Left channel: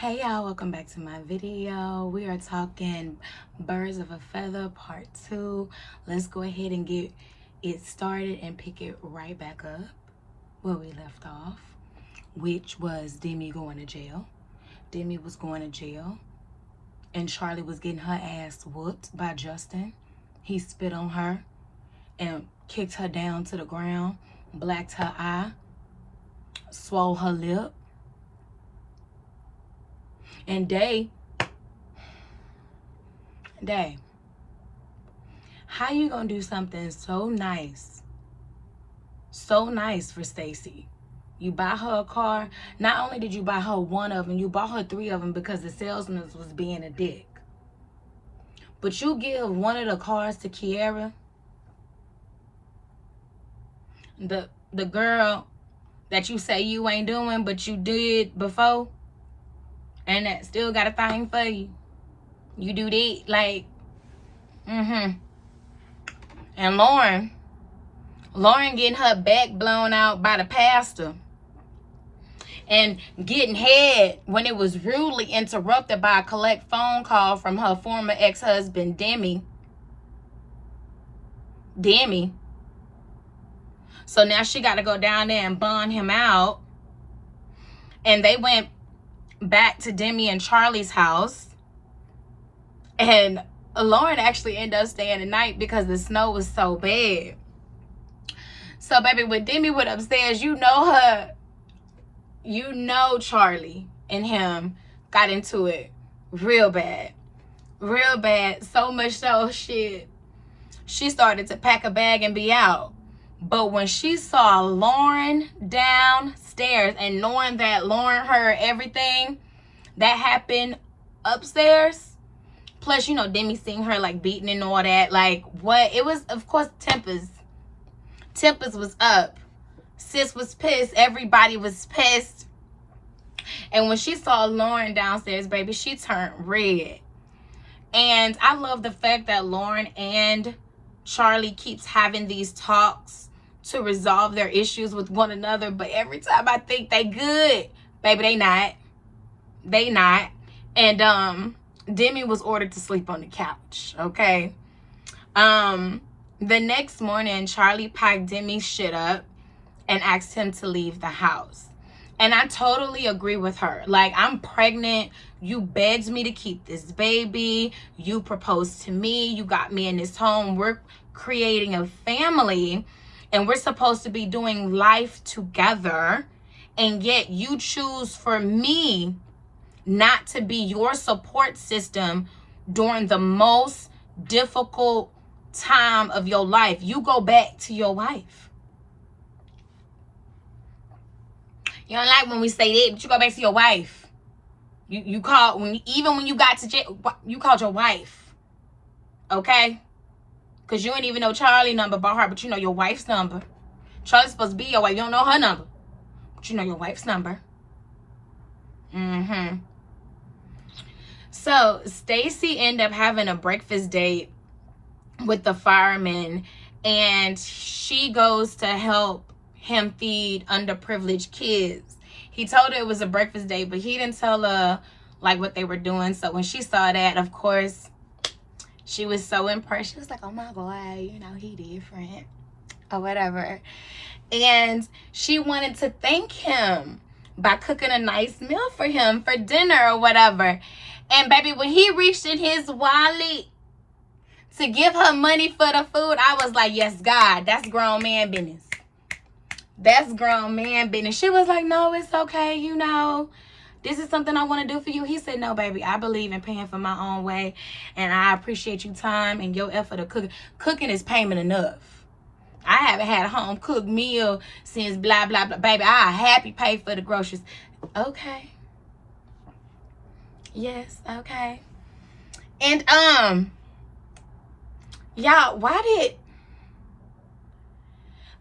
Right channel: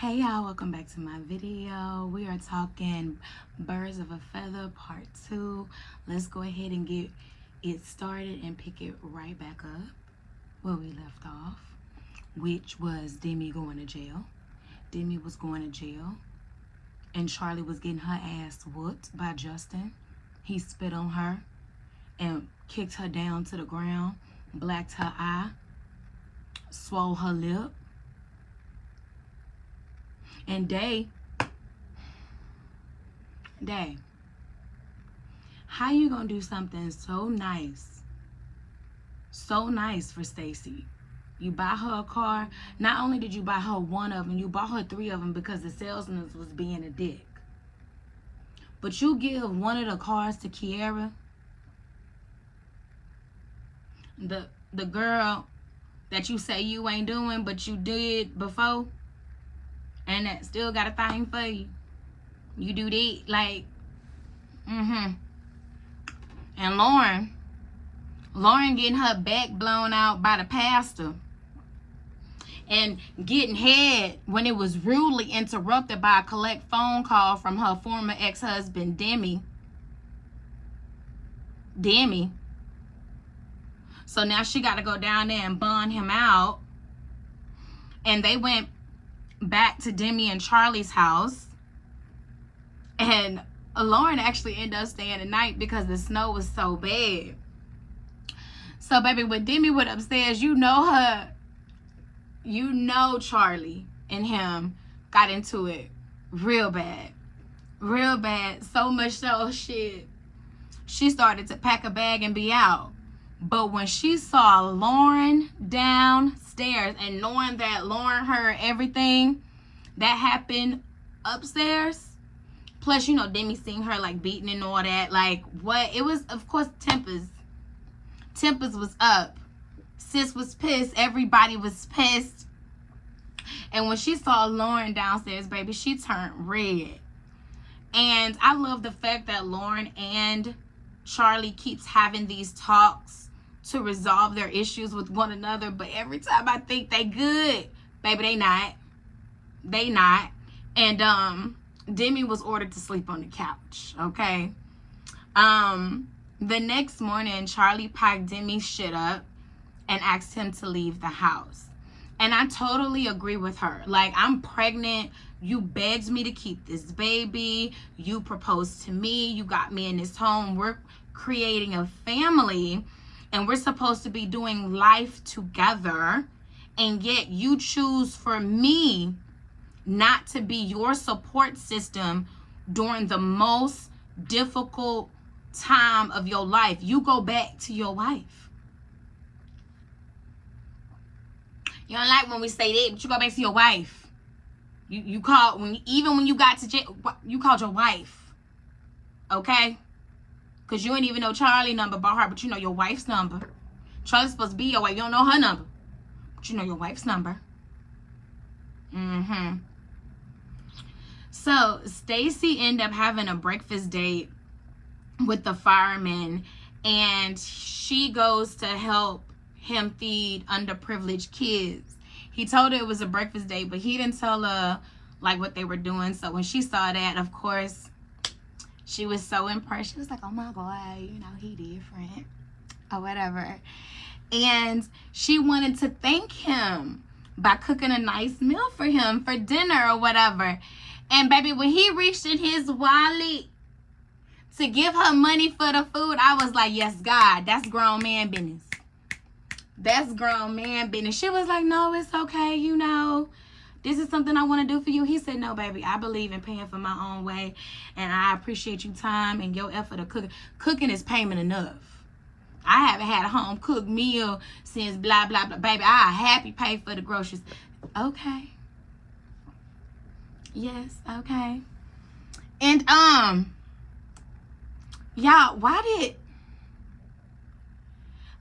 Hey y'all, welcome back to my video. We are talking Birds of a Feather part 2. Let's go ahead and get it started and pick it right back up where we left off, which was Demi going to jail. Demi was going to jail and Charlie was getting her ass whooped by Justin. He spit on her and kicked her down to the ground, blacked her eye, swole her lip. And Day, how you gonna do something so nice for Stacy? You buy her a car. Not only did you buy her one of them, you bought her 3 of them because the salesman was being a dick. But you give one of the cars to Kiara, the girl that you say you ain't doing, but you did before, and that still got a thing for you. You do that, like, And Lauren getting her back blown out by the pastor and getting head when it was rudely interrupted by a collect phone call from her former ex-husband, Demi. So now she got to go down there and bond him out. And they went back to Demi and Charlie's house. And Lauren actually ended up staying the night because the snow was so bad. So, baby, when Demi went upstairs, you know Charlie and him got into it real bad. So much so, she started to pack a bag and be out. But when she saw Lauren downstairs and knowing that Lauren heard everything that happened upstairs, plus, Demi seeing her, like, beating and all that, like, what? It was, of course, tempers was up. Sis was pissed. Everybody was pissed. And when she saw Lauren downstairs, baby, she turned red. And I love the fact that Lauren and Charlie keeps having these talks to resolve their issues with one another. But every time I think they good, baby, they not. And Demi was ordered to sleep on the couch, okay? The next morning, Charlie packed Demi's shit up and asked him to leave the house. And I totally agree with her. Like, I'm pregnant. You begged me to keep this baby. You proposed to me. You got me in this home. We're creating a family. And we're supposed to be doing life together. And yet you choose for me not to be your support system during the most difficult time of your life. You go back to your wife. You don't like when we say that, but you go back to your wife. You called even when you got to jail, you called your wife. Okay? Because you ain't even know Charlie's number by heart, but you know your wife's number. Charlie's supposed to be your wife. You don't know her number, but you know your wife's number. So Stacy ended up having a breakfast date with the fireman, and she goes to help him feed underprivileged kids. He told her it was a breakfast date, but he didn't tell her like what they were doing. So when she saw that, of course, she was so impressed. She was like, oh my God, he different or whatever. And she wanted to thank him by cooking a nice meal for him for dinner or whatever. And baby, when he reached in his wallet to give her money for the food, I was like, yes, God, that's grown man business. That's grown man business. She was like, no, it's okay. This is something I want to do for you. He said, no, baby, I believe in paying for my own way. And I appreciate your time and your effort of cooking. Cooking is payment enough. I haven't had a home cooked meal since blah, blah, blah. Baby, I happy pay for the groceries. Okay. Yes, okay. And, y'all,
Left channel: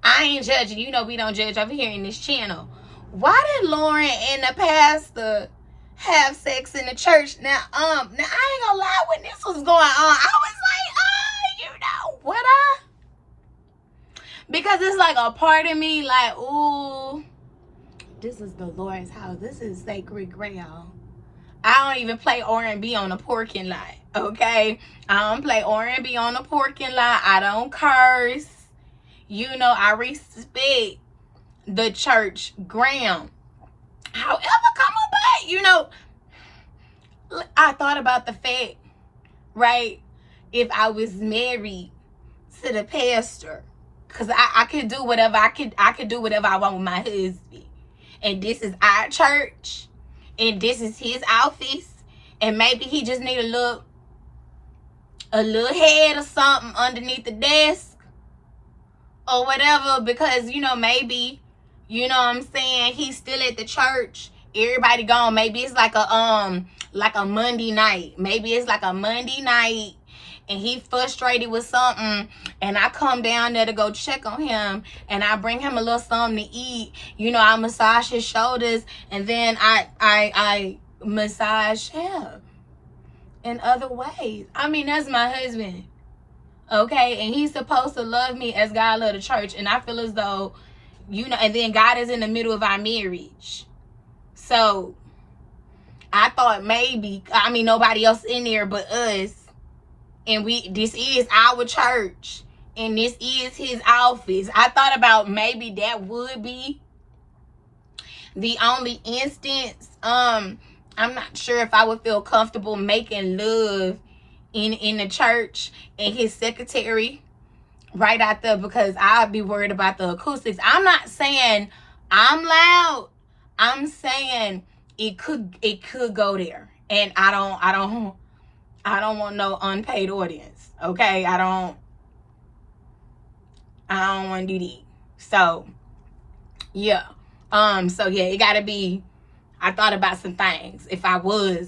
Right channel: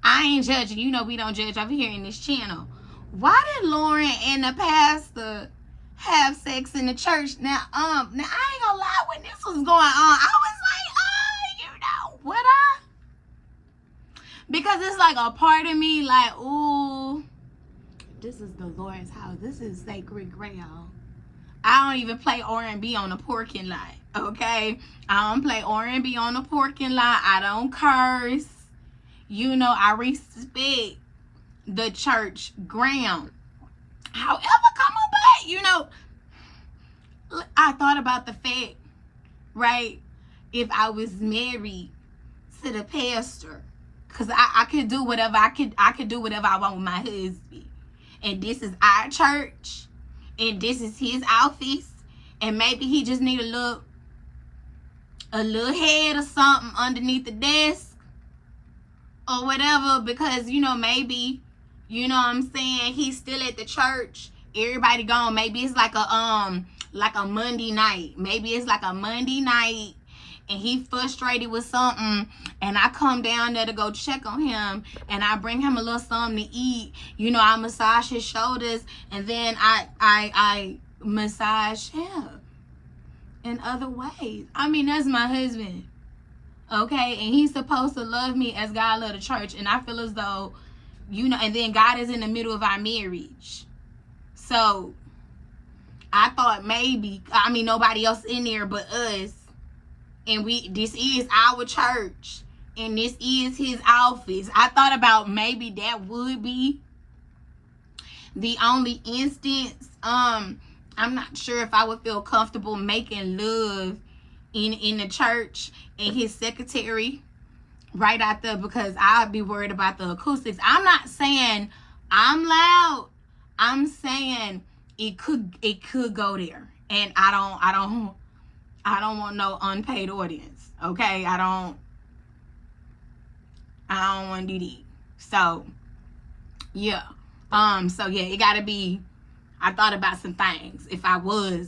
I ain't judging. We don't judge over here in this channel. Why did Lauren and the pastor have sex in the church? Now I ain't gonna lie, when this was going on, I was like, what because it's like a part of me like, ooh, this is the Lord's house. This is sacred ground. I don't even play R&B on the parking lot, okay? I don't play R&B on the parking lot. I don't curse. You know, I respect the church ground. However, come about, you know, I thought about the fact, right? If I was married to the pastor, because I could do whatever I could do whatever I want with my husband. And this is our church. And this is his office. And maybe he just need a little head or something underneath the desk or whatever, because, you know, maybe, you know what I'm saying, he's still at the church, everybody gone. Maybe it's like a Monday night. Maybe it's like a Monday night and he frustrated with something, and I come down there to go check on him, and I bring him a little something to eat. You know, I massage his shoulders, and then I massage him in other ways. I mean, that's my husband, okay? And he's supposed to love me as God loved the church. And I feel as though, you know, and then God is in the middle of our marriage. So I thought maybe, I mean, nobody else in there but us. And this is our church. And this is his office. I thought about maybe that would be the only instance. I'm not sure if I would feel comfortable making love in the church and his secretary right out there, because I'd be worried about the acoustics. I'm not saying I'm loud. I'm saying it could go there. And I don't want no unpaid audience. Okay? I don't want to do that. So yeah. So yeah, it gotta be. I thought about some things. If I was,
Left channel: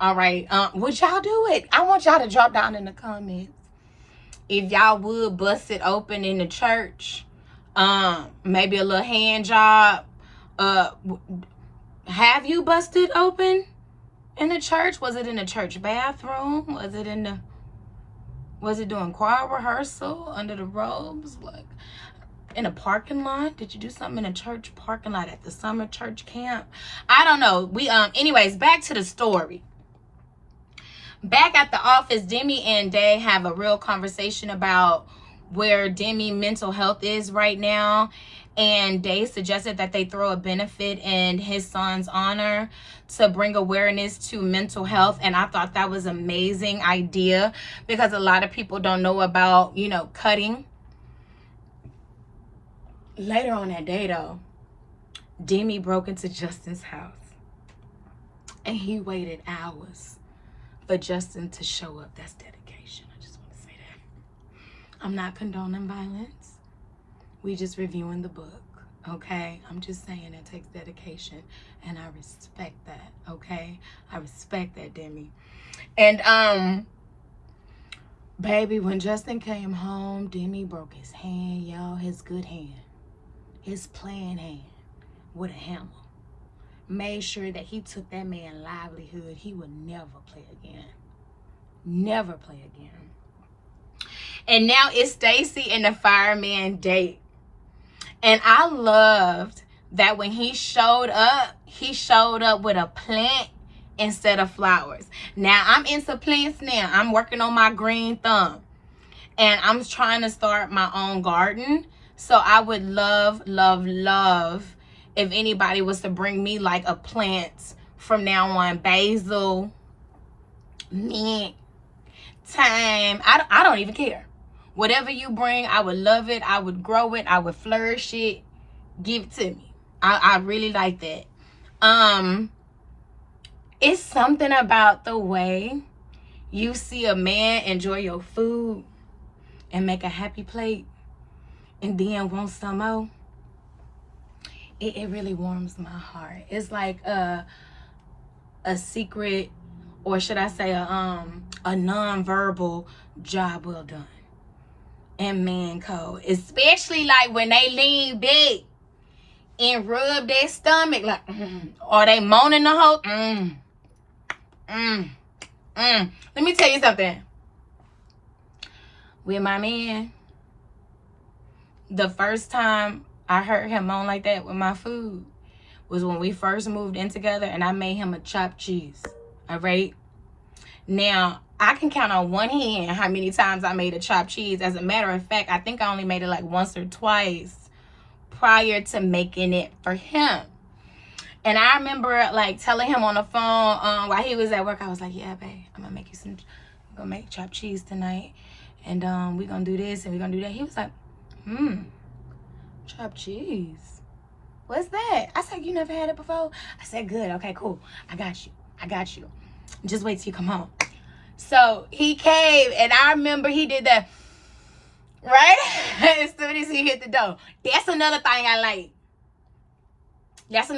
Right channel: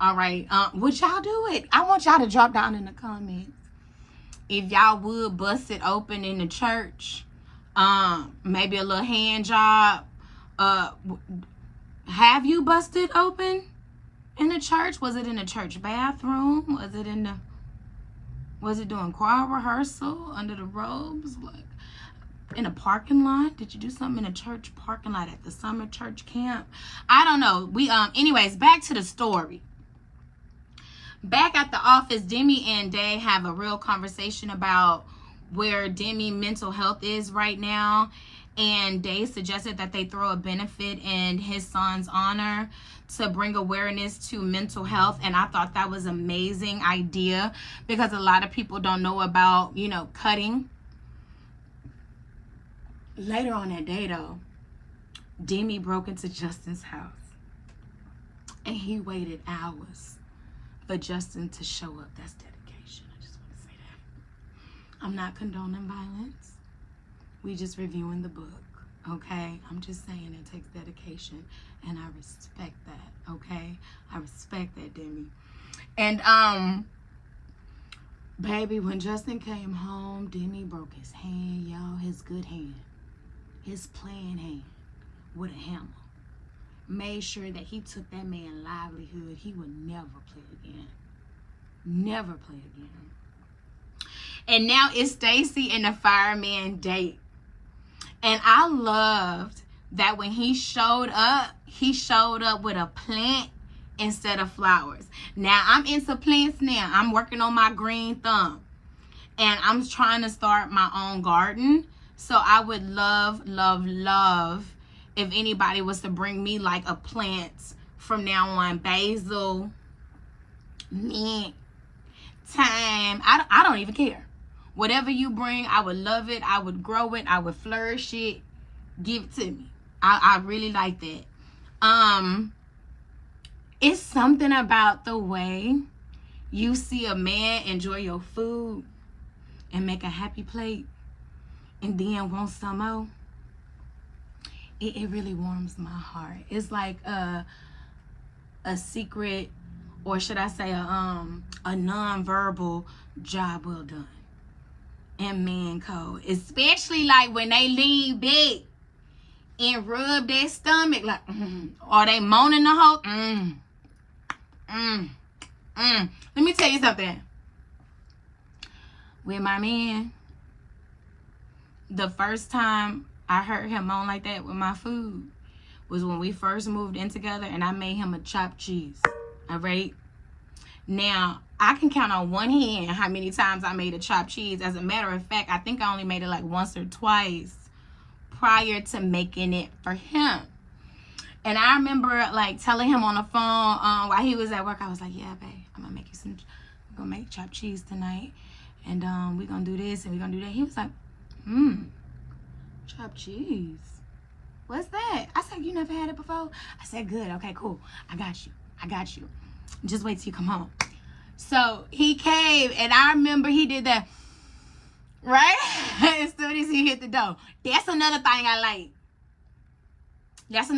all right, would y'all do it? I want y'all to drop down in the comments if y'all would bust it open in the church. Maybe a little hand job. Have you busted open in the church? Was it in the church bathroom? Was it doing choir rehearsal under the robes? Like, in a parking lot? Did you do something in a church parking lot at the summer church camp? I don't know. Anyways, back to the story. Back at the office, Demi and Day have a real conversation about where Demi mental health is right now. And Day suggested that they throw a benefit in his son's honor to bring awareness to mental health. And I thought that was an amazing idea, because a lot of people don't know about, you know, cutting. Later on that day, though, Demi broke into Justin's house, and he waited hours for Justin to show up. That's dedication. I just want to say that. I'm not condoning violence. We just reviewing the book, okay? I'm just saying it takes dedication, and I respect that, okay? I respect that, Demi. And baby, when Justin came home, Demi broke his hand, y'all, his good hand. His playing hand with a hammer. Made sure that he took that man's livelihood. He would never play again. Never play again. And now it's Stacy and the fireman date. And I loved that when he showed up with a plant instead of flowers. Now, I'm into plants now. I'm working on my green thumb. And I'm trying to start my own garden. So I would love, love, love if anybody was to bring me like a plant from now on. Basil, mint, thyme. I don't even care. Whatever you bring, I would love it. I would grow it. I would flourish it. Give it to me. I really like that. It's something about the way you see a man enjoy your food and make a happy plate and then want some more. It really warms my heart. It's like a secret, or should I say a non-verbal job well done in man code. Especially like when they lean back and rub their stomach, like, or they moaning the whole, Let me tell you something. With my man, the first time I heard him moan like that with my food was when we first moved in together and I made him a chopped cheese. All right. Now, I can count on one hand how many times I made a chopped cheese. As a matter of fact, I think I only made it like once or twice prior to making it for him. And I remember like telling him on the phone while he was at work, I was like, yeah, babe, I'm gonna make chopped cheese tonight. And we're gonna do this and we're gonna do that. He was like, chopped cheese. What's that? I said, you never had it before? I said, good. Okay, cool. I got you. Just wait till you come home. So he came, and I remember he did that, right? As soon as he hit the door. That's another thing I like. That's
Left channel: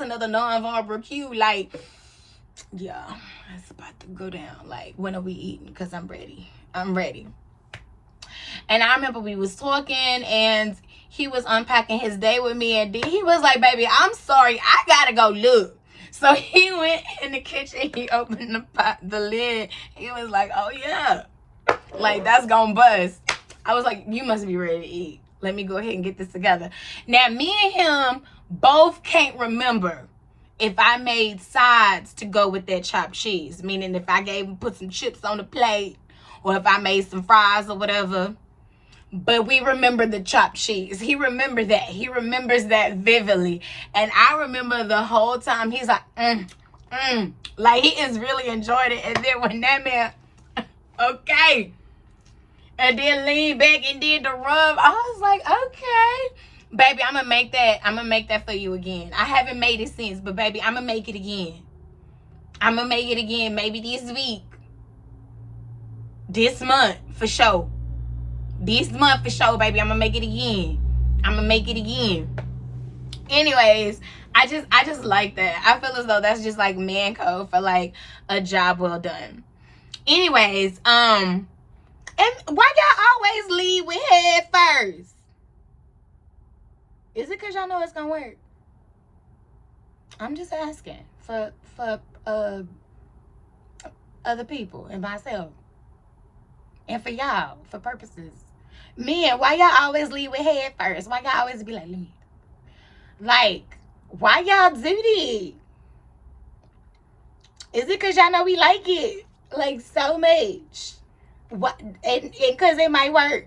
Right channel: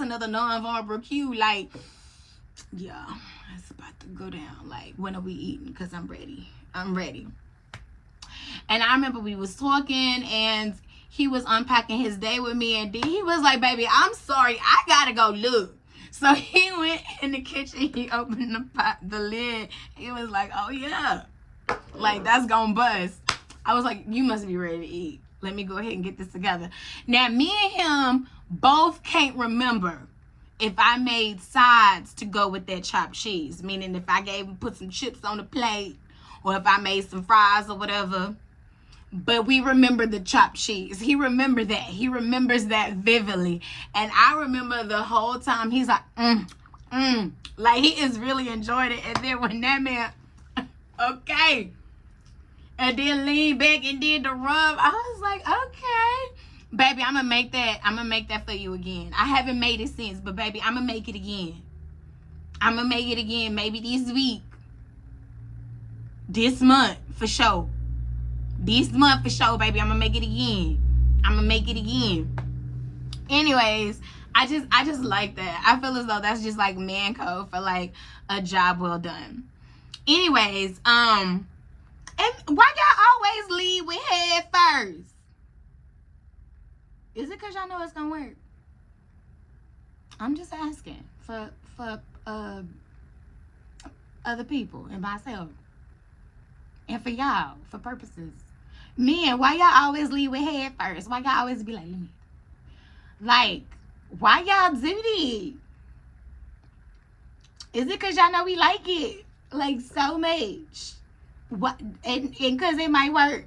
another non-verbal cue. Like, yeah, it's about to go down. Like, when are we eating? Because I'm ready. And I remember we was talking, and he was unpacking his day with me, and he was like, baby, I'm sorry, I gotta go look. So he went in the kitchen, he opened the lid. He was like, oh yeah, like that's gonna bust. I was like, you must be ready to eat. Let me go ahead and get this together. Now, me and him both can't remember if I made sides to go with that chopped cheese. Meaning if I put some chips on the plate, or if I made some fries or whatever. But we remember the chopped cheese. He remembered that. He remembers that vividly. And I remember the whole time he's like, like he is really enjoyed it. And then when that man, okay, and then leaned back and did the rub, I was like, okay, baby, I'm gonna make that for you again. I haven't made it since, but baby, I'm gonna make it again. Maybe this week, this month for sure. This month for sure, baby. I'm gonna make it again. Anyways, I just like that. I feel as though that's just like man code for like a job well done. Anyways, and why y'all always lead with head first? Is it because y'all know it's gonna work? I'm just asking for other people and myself. And for y'all, for purposes. Men, why y'all always lead with head first? Why y'all always be like, lead? Like, why y'all do this? Is it because y'all know we like it? Like, so much. What? And because it might work.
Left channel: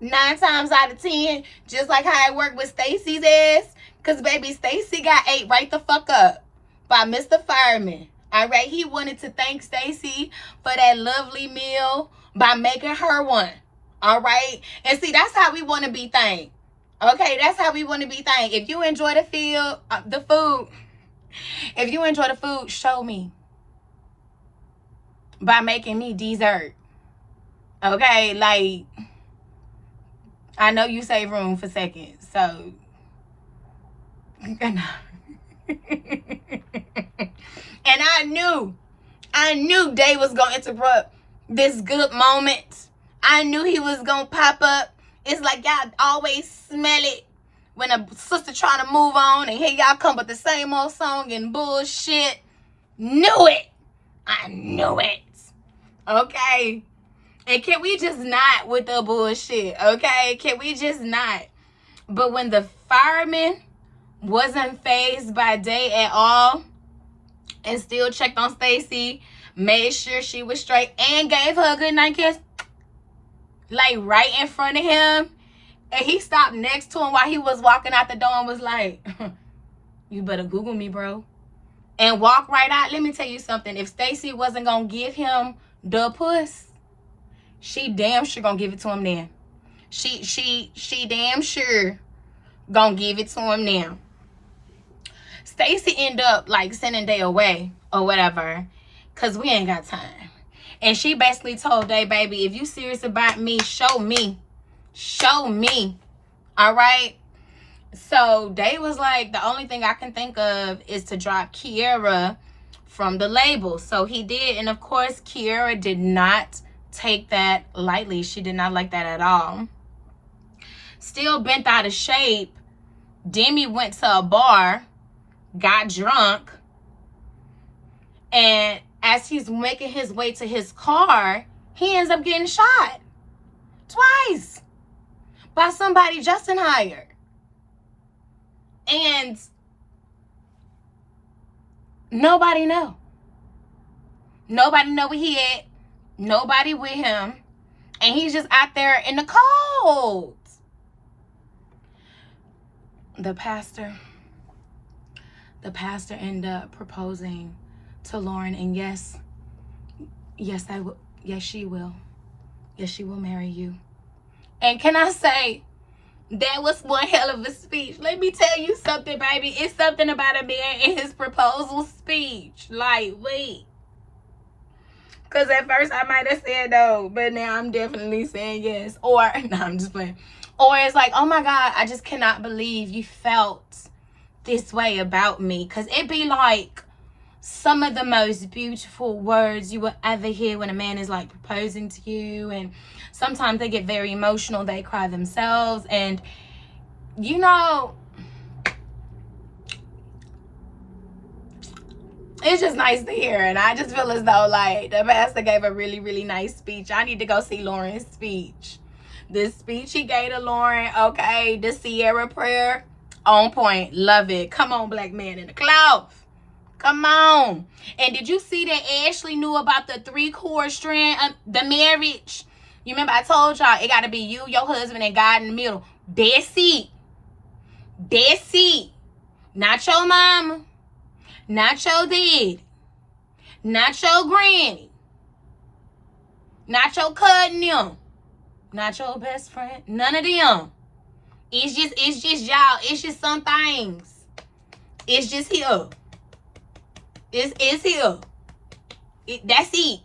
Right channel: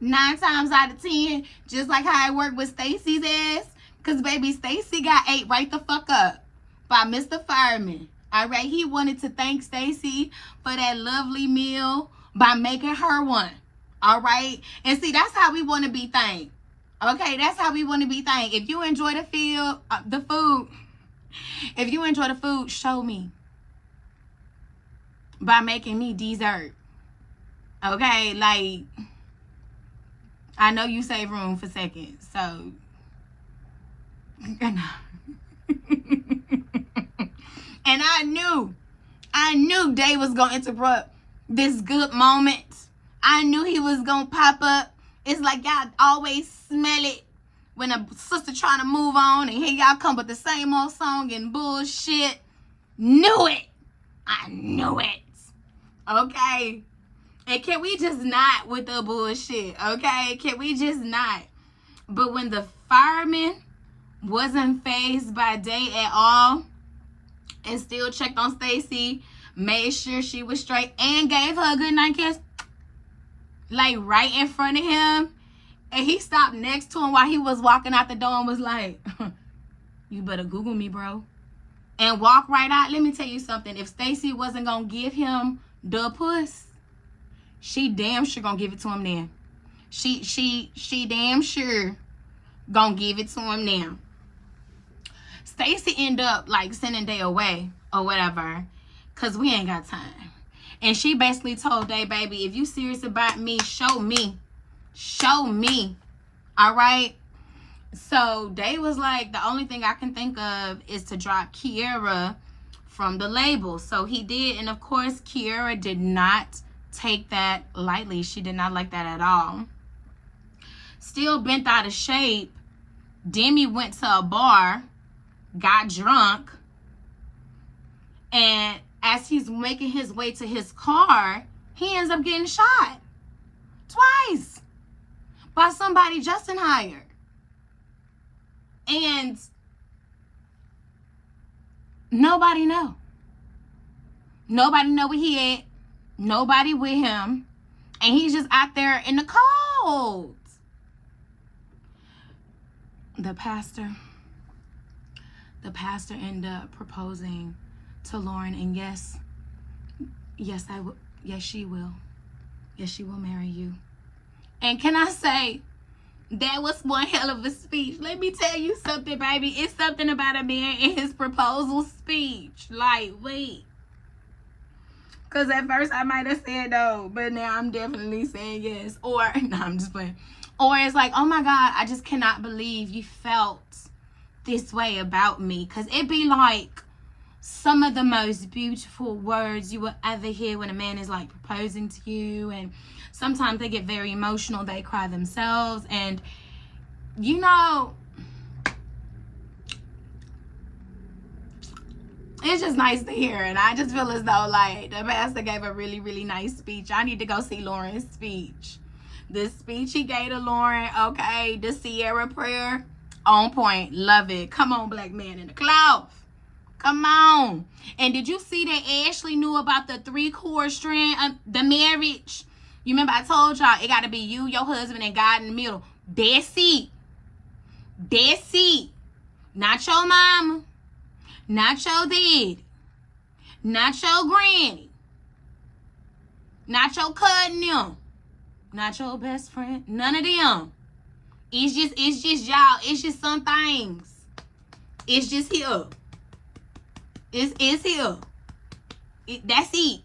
9 times out of 10, just like how it worked with Stacy's ass. Because, baby, Stacy got ate right the fuck up by Mr. Fireman. All right, he wanted to thank Stacy for that lovely meal by making her one. All right, and see, that's how we want to be thanked. Okay, that's how we want to be thanked. If you enjoy the food, if you enjoy the food, show me by making me dessert. Okay, like I know you save room for seconds, so. And I knew Dave was going to interrupt this good moment. I knew he was going to pop up. It's like y'all always smell it when a sister trying to move on and here y'all come with the same old song and bullshit. Knew it. I knew it. Okay. And can we just not with the bullshit? Okay. Can we just not? But when the fireman wasn't fazed by Day at all, and still checked on Stacy, made sure she was straight, and gave her a good night kiss, like right in front of him. And he stopped next to him while he was walking out the door and was like, you better Google me, bro. And walk right out. Let me tell you something. If Stacy wasn't going to give him the puss, she damn sure going to give it to him then. She damn sure going to give it to him now. Stacy ended up like sending Day away or whatever, because we ain't got time. And she basically told Day, baby, if you serious about me, show me. All right. So Day was like, the only thing I can think of is to drop Kiera from the label. So he did. And of course, Kiera did not take that lightly. She did not like that at all. Still bent out of shape, Demi went to a bar, got drunk, and as he's making his way to his car, he ends up getting shot twice by somebody Justin hired. And Nobody know. Nobody know where he at. Nobody with him. And he's just out there in the cold. The pastor ended up proposing to Lauren, and yes, I will. Yes, she will. Yes, she will marry you. And can I say, that was one hell of a speech. Let me tell you something, baby. It's something about a man in his proposal speech. Like, wait. Because at first I might have said no, but now I'm definitely saying yes. Or, no, I'm just playing. Or it's like, oh my God, I just cannot believe you felt this way about me. Because it be like some of the most beautiful words you will ever hear when a man is like proposing to you. And sometimes they get very emotional. They cry themselves. And, you know, it's just nice to hear. And I just feel as though, like, the pastor gave a really, really nice speech. I need to go see Lauren's speech. The speech he gave to Lauren, okay, the Sierra prayer, on point. Love it. Come on, black man in the cloth. Come on. And did you see that Ashley knew about the 3-chord strand, the marriage? You remember I told y'all, it got to be you, your husband, and God in the middle. That's it. That's it. Not your mama. Not your dad. Not your granny. Not your cousin them. Not your best friend. None of them. It's just y'all. It's just some things. It's just here. It's here. That's it.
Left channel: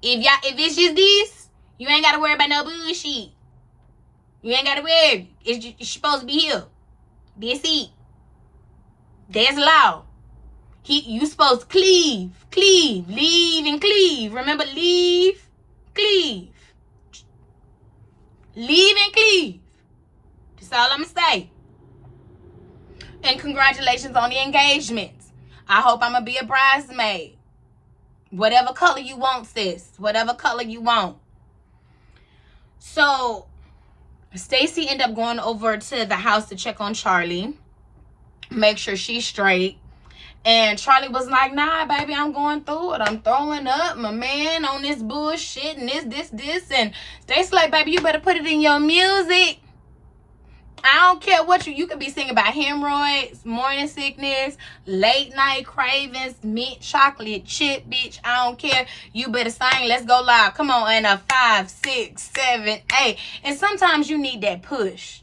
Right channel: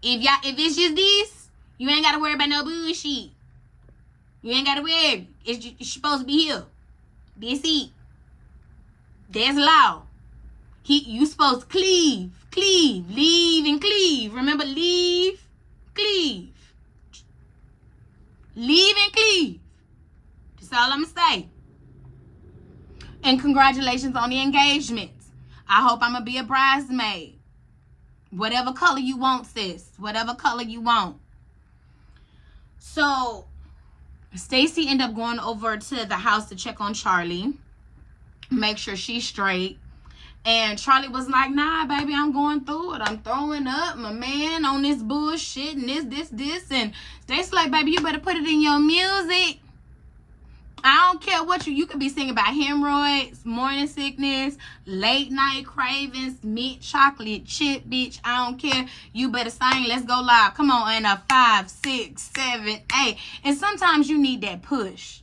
If it's just this, you ain't gotta worry about no bullshit. You ain't gotta worry. It's supposed to be here. That's it. That's law. You supposed to cleave, leave, and cleave. Remember, leave, cleave. Leave and cleave. That's all I'm going to say. And congratulations on the engagement. I hope I'm going to be a bridesmaid. Whatever color you want, sis. Whatever color you want. So, Stacy ended up going over to the house to check on Charlie. Make sure she's straight. And Charlie was like, nah, baby, I'm going through it. I'm throwing up my man on this bullshit and this. And Stacy's like, baby, you better put it in your music. I don't care what you could be singing about hemorrhoids, morning sickness, late night cravings, mint chocolate chip, bitch. I don't care. You better sing. Let's go live. Come on. And a 5, 6, 7, 8. And sometimes you need that push.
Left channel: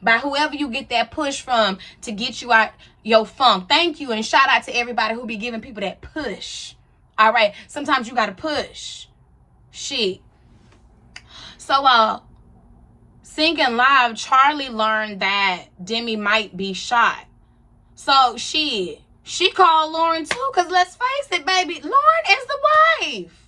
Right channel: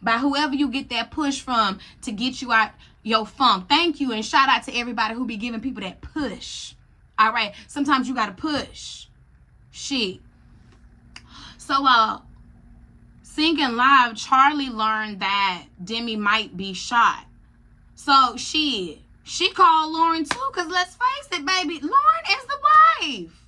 By whoever you get that push from to get you out your funk. Thank you. And shout out to everybody who be giving people that push. All right. Sometimes you got to push. Shit. So, singing live, Charlie learned that Demi might be shot. So she called Lauren too, because let's face it, baby, Lauren is the wife.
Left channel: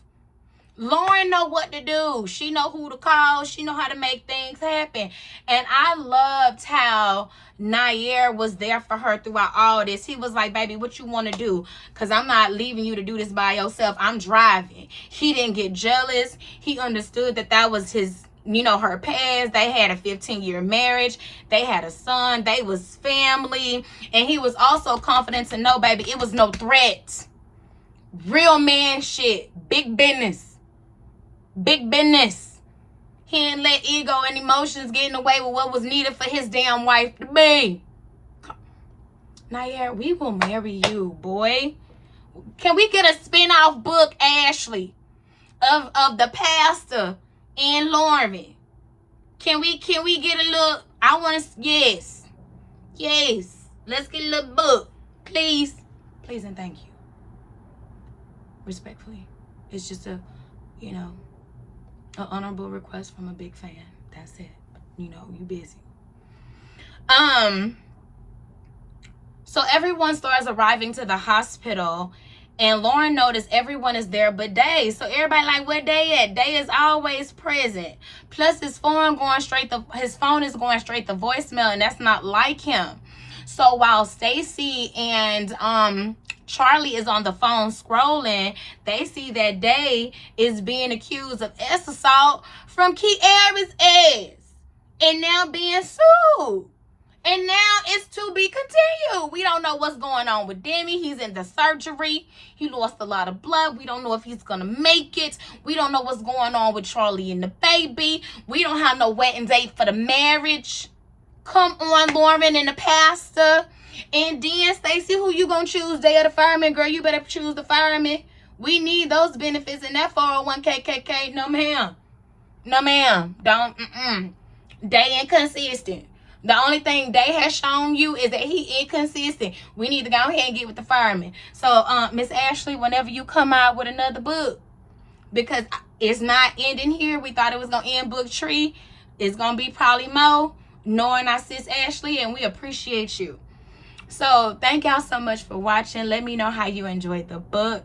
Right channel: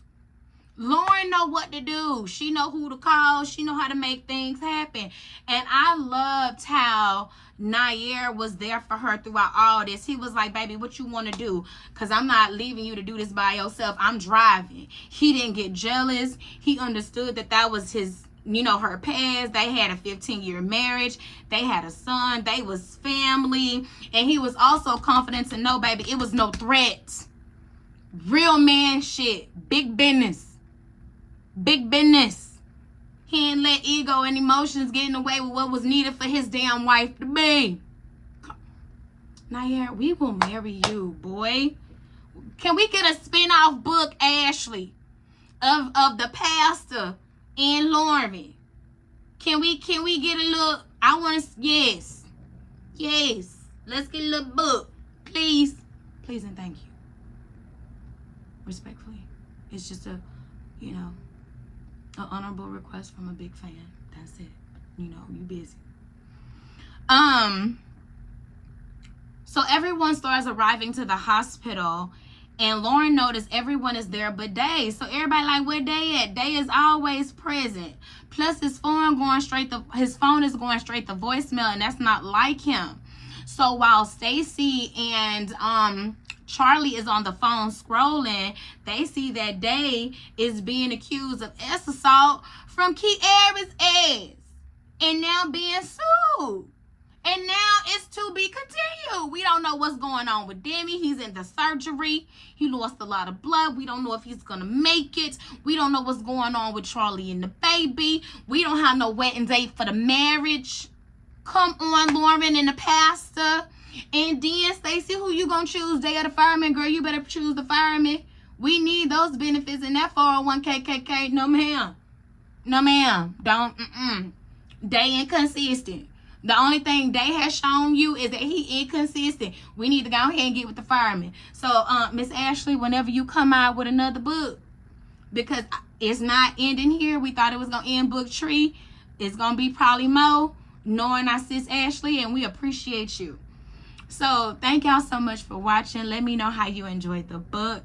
Lauren know what to do. She know who to call. She know how to make things happen. And I loved how Nair was there for her throughout all this. He was like, baby, what you want to do? Because I'm not leaving you to do this by yourself. I'm driving. He didn't get jealous. He understood that was his, her past. They had a 15-year marriage. They had a son. They was family. And he was also confident to know, baby, it was no threat. Real man shit. Big business. Big business. He didn't let ego and emotions get in the way with what was needed for his damn wife to be. Nair, we will marry you, boy. Can we get a spin-off book, Ashley, of the pastor and Lauren? Can we get a little, I want to, yes. Let's get a little book. Please and thank you. Respectfully. It's just an honorable request from a big fan. That's it. You busy. So everyone starts arriving to the hospital, and Lauren noticed everyone is there but Day. So everybody like, where Day at? Day is always present. Plus his phone is going straight to voicemail, and that's not like him. So while Stacy and Charlie is on the phone scrolling, they see that Day is being accused of sex assault from Kiara's ass and now being sued. And now it's to be continued. We don't know what's going on with Demi. He's in the surgery. He lost a lot of blood. We don't know if he's going to make it. We don't know what's going on with Charlie and the baby. We don't have no wedding date for the marriage. Come on, Lauren and the pastor. And then, Stacey, who you going to choose? Day of the fireman? Girl, you better choose the fireman. We need those benefits in that 401k, KK. No, ma'am. No, ma'am. Don't. They inconsistent. The only thing they has shown you is that he inconsistent. We need to go ahead and get with the fireman. So, Miss Ashley, whenever you come out with another book, because it's not ending here. We thought it was going to end book 3. It's going to be probably more, knowing our sis Ashley, and we appreciate you. So, thank y'all so much for watching. Let me know how you enjoyed the book.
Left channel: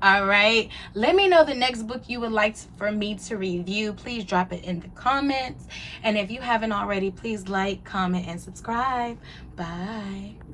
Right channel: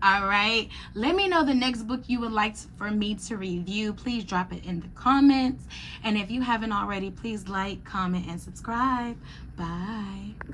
All right, let me know the next book you would like for me to review. Please drop it in the comments, and if you haven't already, please like, comment, and subscribe. Bye.